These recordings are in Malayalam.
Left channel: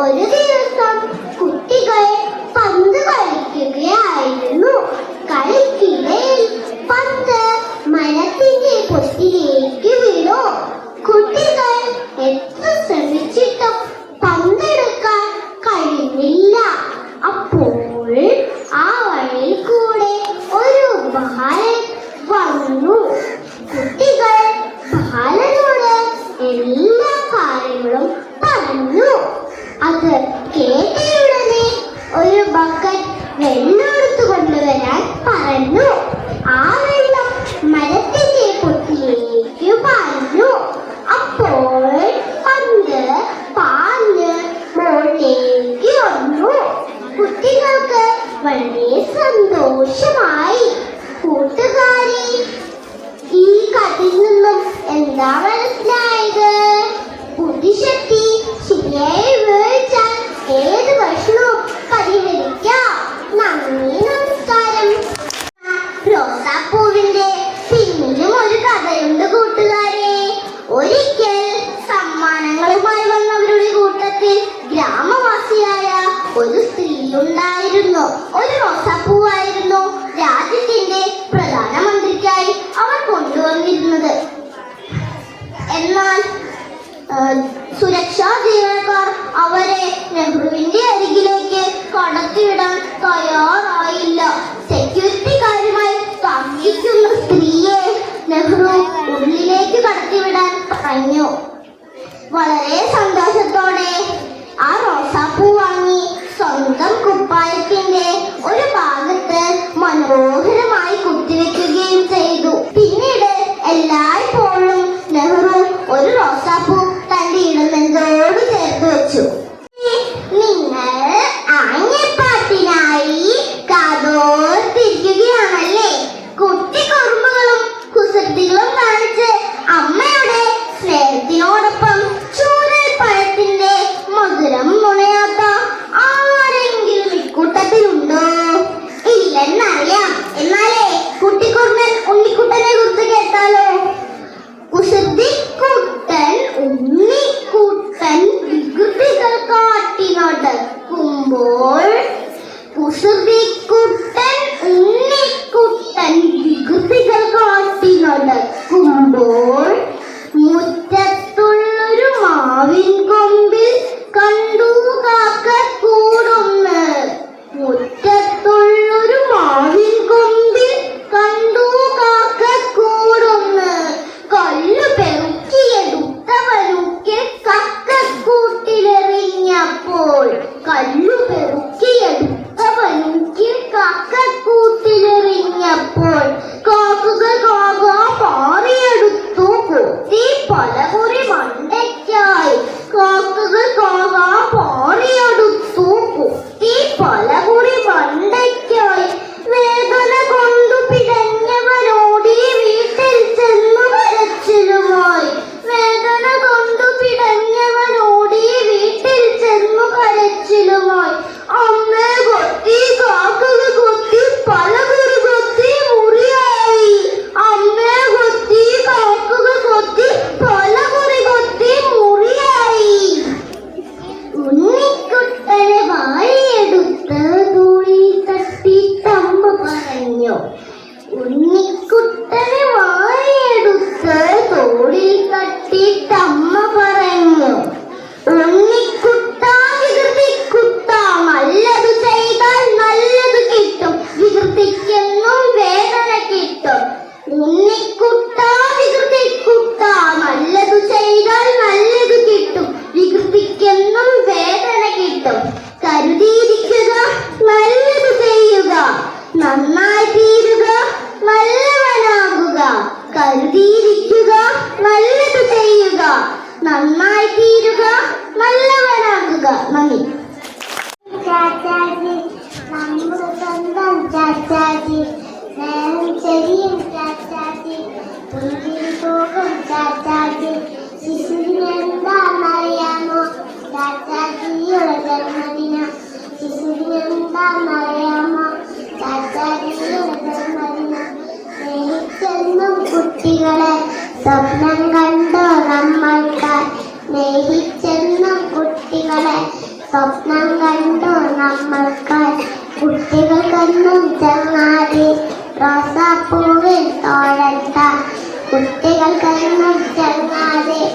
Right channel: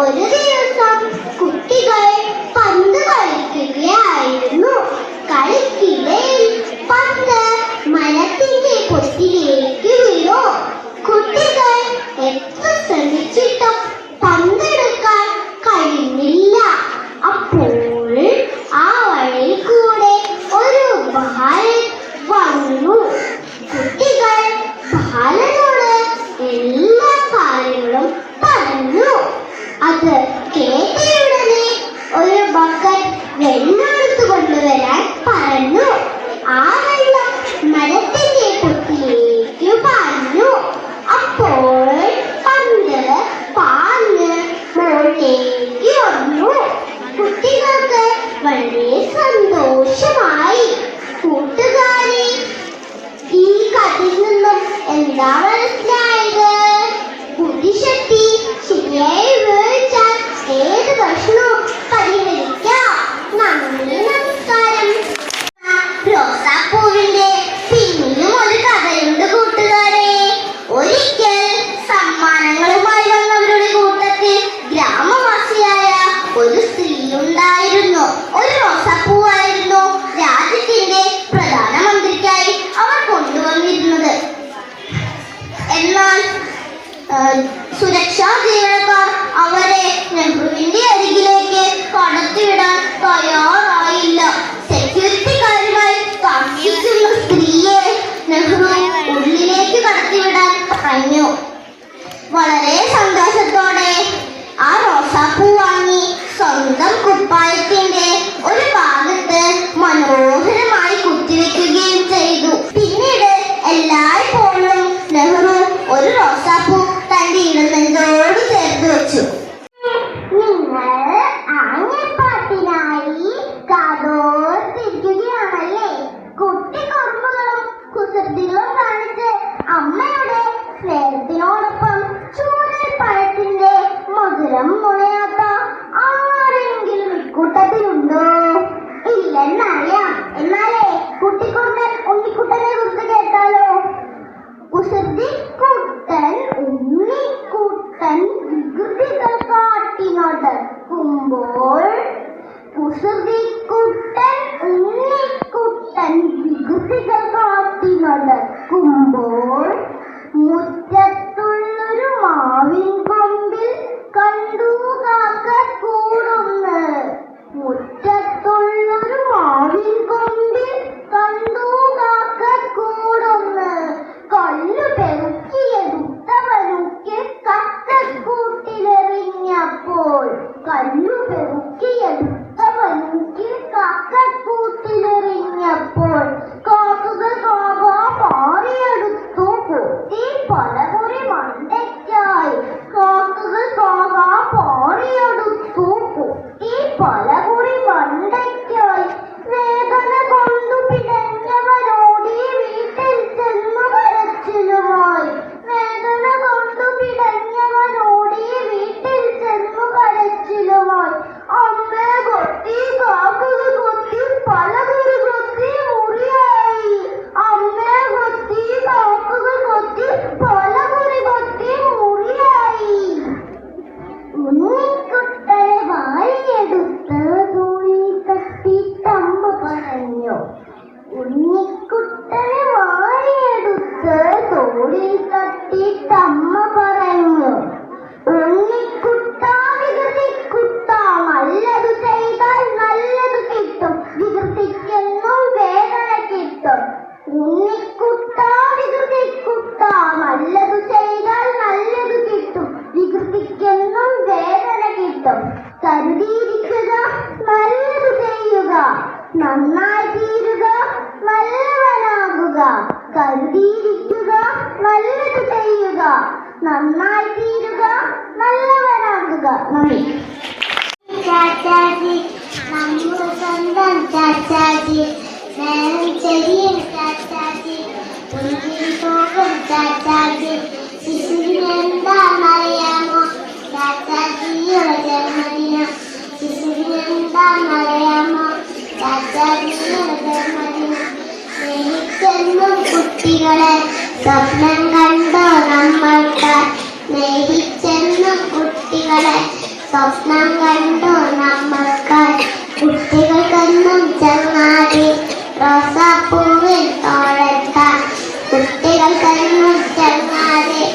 ഒരു ദിവസം കുട്ടികൾ പന്ത് കളിക്കുകയായിരുന്നു. കളിക്കിടയിൽ പന്ത് മരത്തിന്റെ പൊത്തിലേക്ക് വീണു. കുട്ടികൾ എത്ര ശ്രമിച്ചിട്ടും പന്തെടുക്കാൻ കഴിഞ്ഞില്ല. അപ്പോൾ ആ വഴിയിൽ കൂടെ ഒരു ബാലൻ വന്നു. കുട്ടികൾ ബാലനോട് എല്ലാ കാര്യങ്ങളും പറഞ്ഞു. അത് കേട്ടയുടനെ ഒരു ബക്കറ്റ് വെള്ളം എടുത്തു കൊണ്ടുവരാൻ പറഞ്ഞു. ആ വെള്ളം മരത്തിന്റെ പൊത്തിലേക്ക് പറഞ്ഞു. അപ്പോൾ പന്ത് പാഞ്ഞ് മുകളിലേക്ക് വന്നു. കുട്ടികൾക്ക് വളരെ സന്തോഷമായി. കൂട്ടുകാരെ, ഈ കഥയിൽ നിന്നും എന്താ മനസ്സിലായത്? ബുദ്ധിശക്തി ശരിയായി ഉപയോഗിച്ചാൽ ഏത് പ്രശ്നവും പരിഹരിക്കാം. നന്ദി, നമസ്കാരം. റോസാപ്പൂവിന്റെ പിന്നിലും ഒരു കഥയുണ്ട് കൂട്ടുകാരെ. ഒരിക്കൽ സമ്മാനങ്ങളുമായി വന്നവരുടെ കൂട്ടത്തിൽ ഗ്രാമവാസിയായ ഒരു സ്ത്രീ ഉണ്ടായിരുന്നു. ഒരു റോസാപ്പൂവായിരുന്നു. സ്വപ്നം കണ്ടു നമ്മൾക്കായി കുട്ടികൾക്കെന്നും ചങ്ങാതി റോസാപ്പൂവിൽ തോളെത്താൻ കുട്ടികൾക്കെന്നും ചങ്ങാതി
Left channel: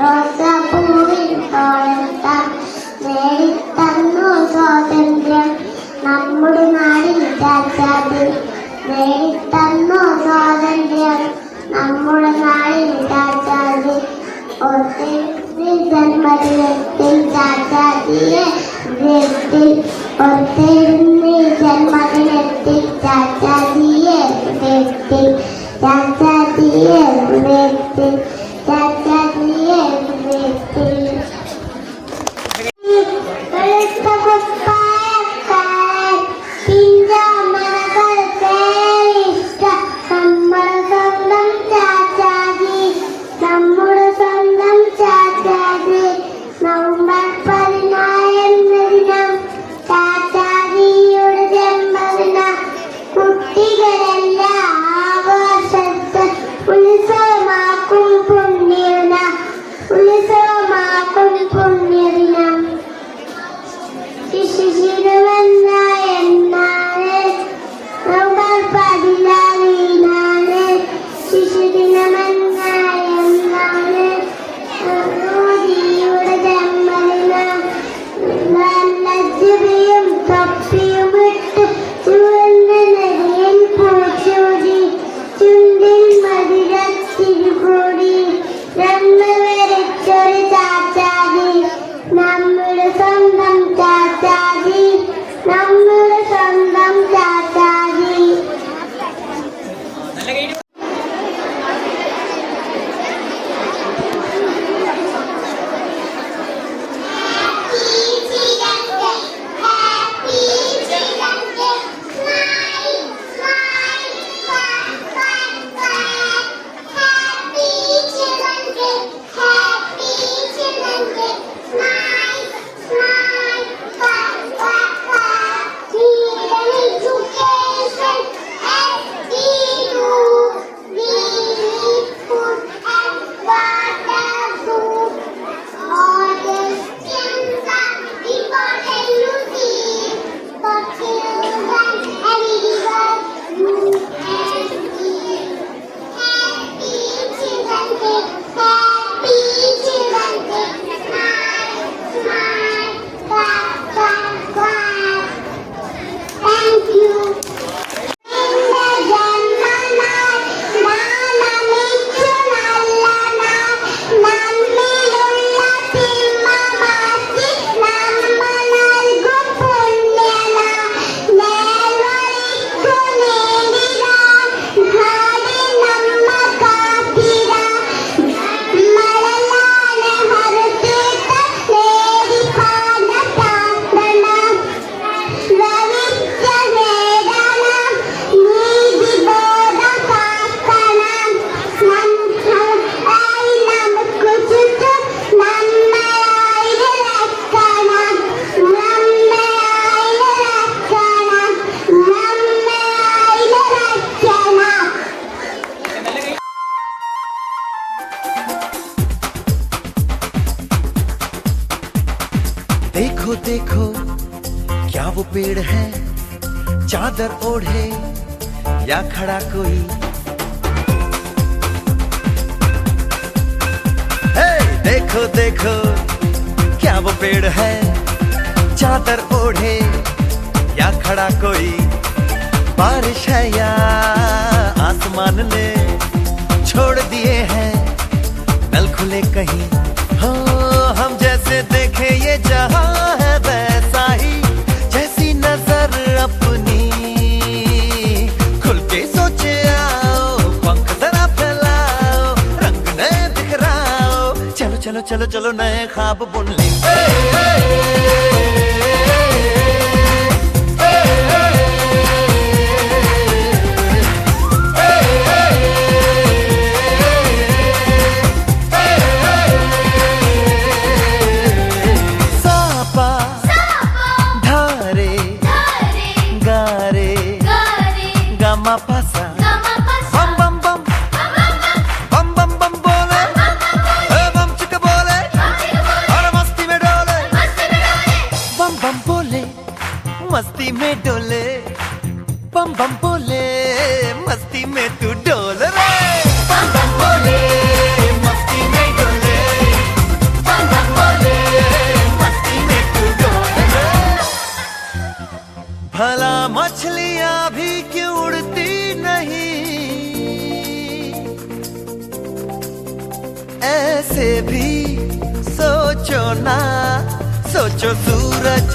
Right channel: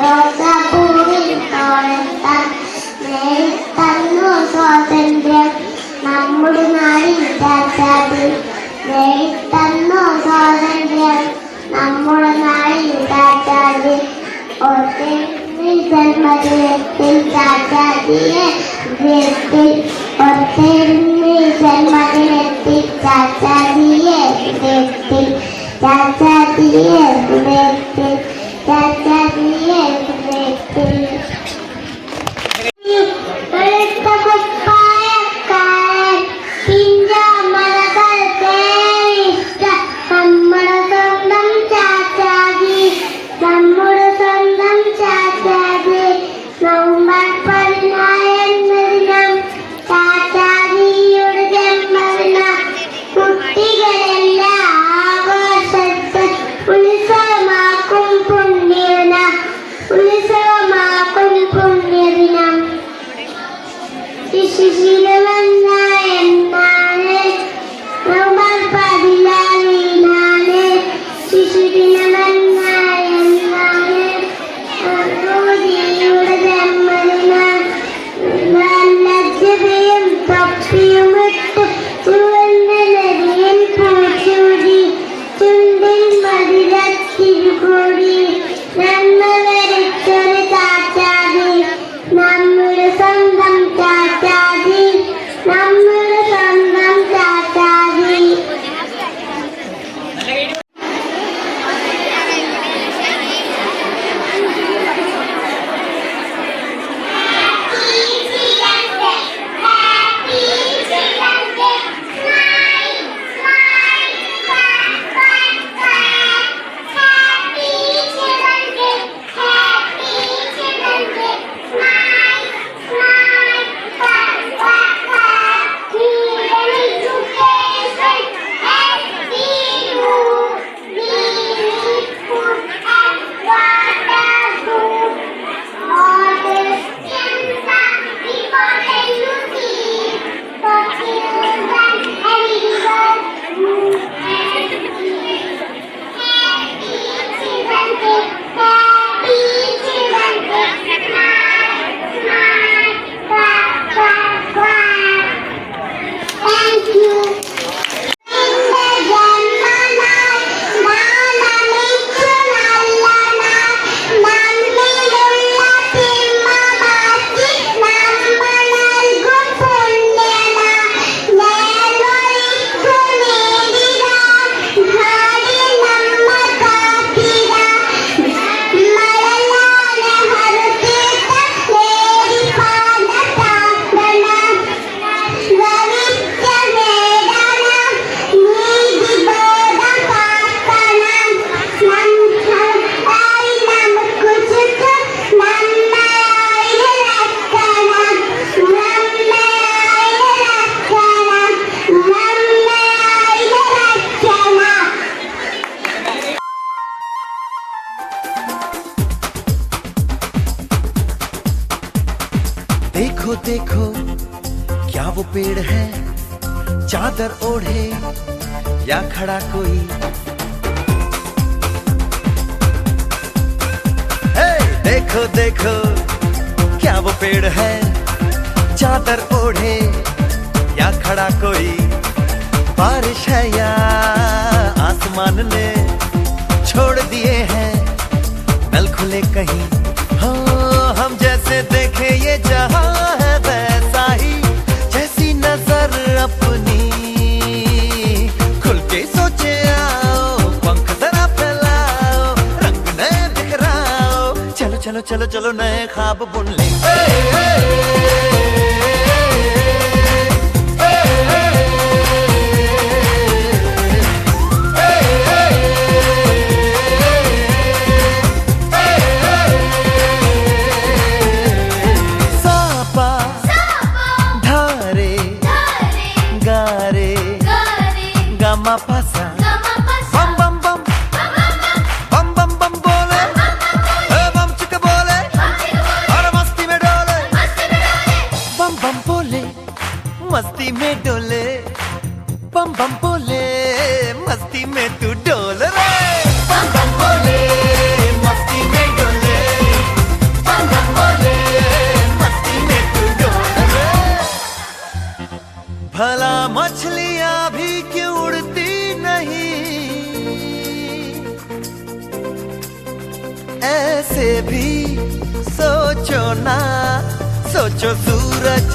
റോസാപ്പൂവിൽ തോളെത്താൻ നേടിത്തന്നു സ്വാതന്ത്ര്യം നമ്മുടെ നാടിൻ രാജാതി നേടിത്തന്നു സ്വാതന്ത്ര്യം നമ്മുടെ നാടിൻ രാജാതി ജന്മദിനത്തിൽ ചാച്ചാജിയെ ജന്മദിനത്തിൽ ചാച്ചാജിയെ ചാച്ചാജിയെ ചാച്ചാജിയെ देखो देखो क्या वो पेड़ है चादर ओढ़े या खड़ा कोई। हे देखो देखो क्या वो पेड़ है चादर ओढ़े या खड़ा कोई। बारिश है या आसमान ने छोड़ दिए हैं नल खुले कहीं। हाँ हम जैसे देखे ये जहां है वैसा ही जैसी नजर अपनी खुल के सोचे आओ पंख जरा फैलाओ रंग नए बिखराओ। चलो चलो चलो चलो नए ख्वाब बुन ले। Pasa bam bam bam bam bam bam bole bam chika bole aur masti mein dole बम बोले मस्ती में डोले, बम बम बोले मस्ती में तू डोल रे। बम बम बोले मस्ती में डोले, बम बम बोले मस्ती में तू डोल रे। भला मछलियां भी क्यों उड़ती नहीं, ऐसे भी सोचो ना। सोचो सूरज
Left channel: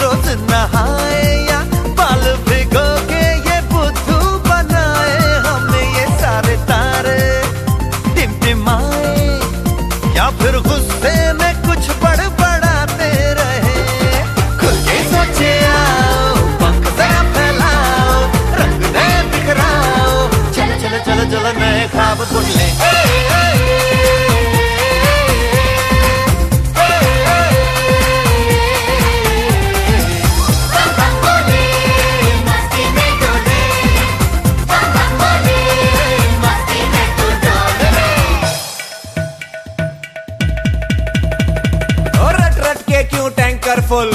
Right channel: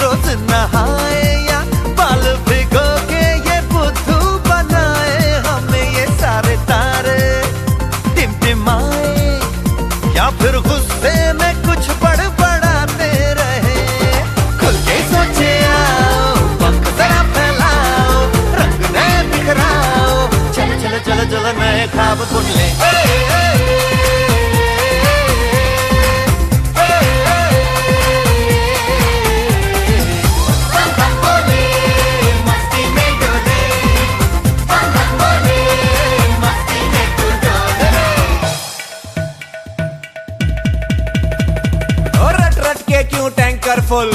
रोज नहाए या बाल भिगो के ये बुद्धू बनाए, हमें ये सारे तारे टिमटिमाए या फिर गुस्से में कुछ बड़बड़ाते रहे। खुल के सोचे आओ, पंख जरा फैलाओ, रंग नए बिखराओ, चलो चलो चलो चलो नए ख्वाब बुन ले। क्यों टैंकर फुल,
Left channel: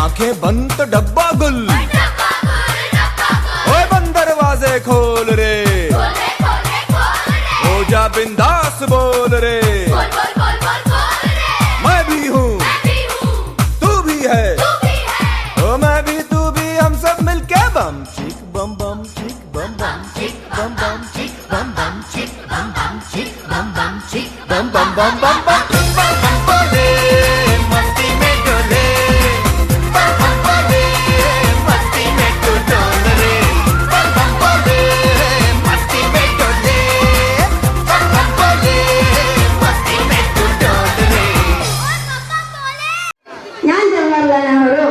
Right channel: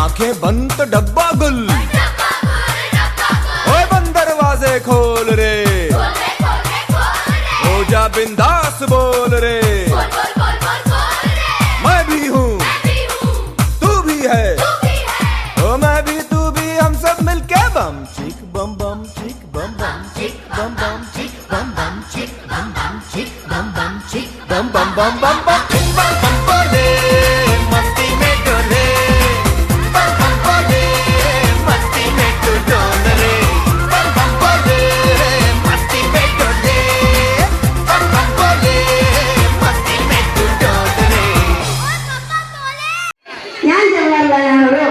आंखें बंद तो डब्बा गुल। ओए बंद दरवाजे खोल रे, हो जा बिंदास बोल रे। मैं भी हूँ तू भी है, ओ मैं भी तू भी, हम सब मिलके बम चिक बम बम चिक बम बम चिक बम बम चिक बम बम चिक बम बम चिक बम बम चिक बम बम बम बम बम बम बोले मस्ती में डोले, बम बम बोले मस्ती में तू डोल रे। बम बम बोले मस्ती में डोले, बम बम बोले मस्ती में तू डोल रे। ഞാൻ ജവഹർലാൽ നെഹ്റു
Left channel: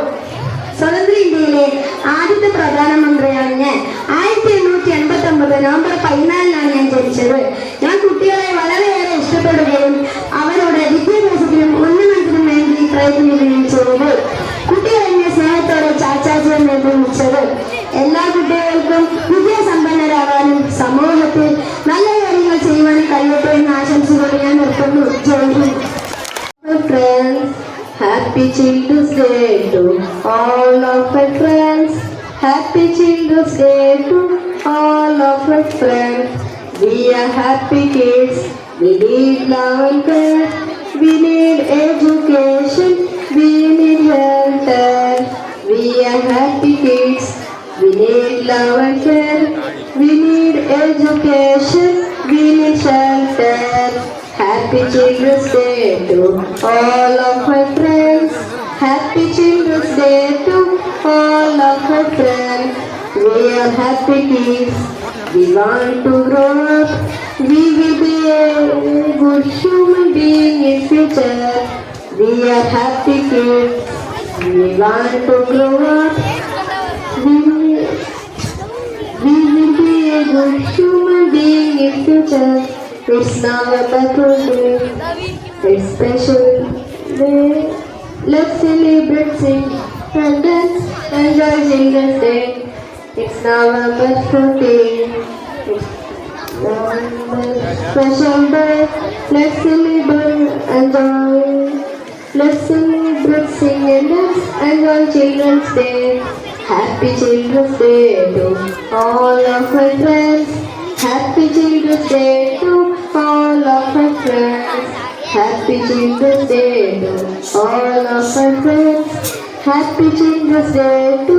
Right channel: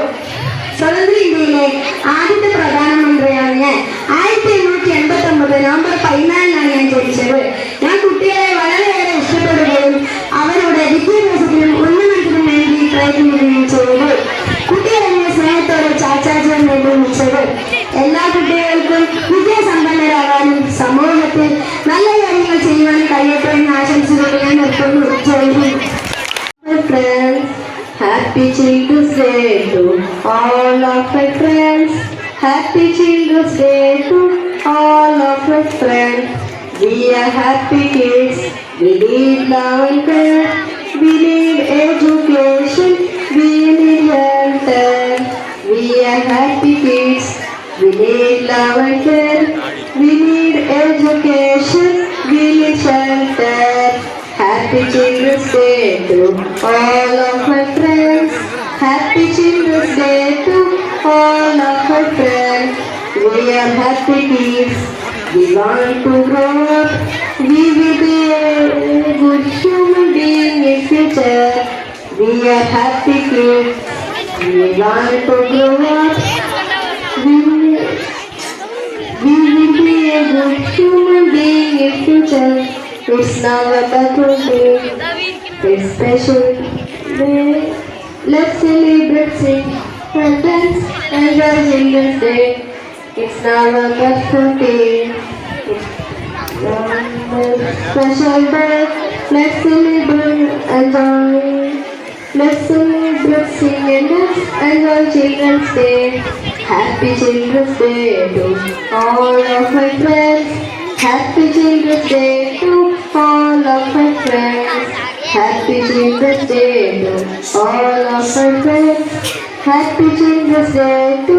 സ്വതന്ത്ര ഇന്ത്യയിലെ ആദ്യത്തെ പ്രധാനമന്ത്രിയാണ് ഞാൻ. 1889 നവംബർ 14 ഞാൻ ജനിച്ചത്. ഞാൻ കുട്ടികളെ വളരെയേറെ ഇഷ്ടപ്പെടുകയും അവരുടെ വിദ്യാഭ്യാസത്തിനും ഉന്നമനത്തിനും വേണ്ടി പ്രയത്നിക്കുകയും ചെയ്തു. കുട്ടികളെ സ്നേഹത്തോടെ ചാച്ചാജി എന്ന് വിളിച്ചത്. എല്ലാ കുട്ടികൾക്കും വിദ്യാസമ്പന്നരാകാനും സമൂഹത്തിൽ നല്ല കാര്യങ്ങൾ ചെയ്യുവാനും കഴിയട്ടെ എന്ന് ആശംസിച്ചുകൊണ്ട് ഞാൻ നിർത്തുന്നു. Happy Children's Day to all of my friends. Happy Children's Day to all of my friends. We are happy kids. We need love and care. We need education. We need shelter. We are happy kids. We need love and care. We need education. We need shelter. Happy Children's Day to all of my friends. Happy Children's Day to all of my friends. We are happy kids. We want to grow up. We will be a good human being in future. We are happy kids. We want to grow up. We will be a good human being in future. It's now a better day. It's special day. Let's celebrate, sing, and dance, enjoy Children's Day. It's now a better day. It's now a special day. Let's celebrate, enjoy. Let's celebrate, sing, and dance, enjoy Children's Day. Happy Children's Day to all of my friends. Happy Children's Day to all of my friends. Happy Children's Day to all of my friends. Happy Children's Day to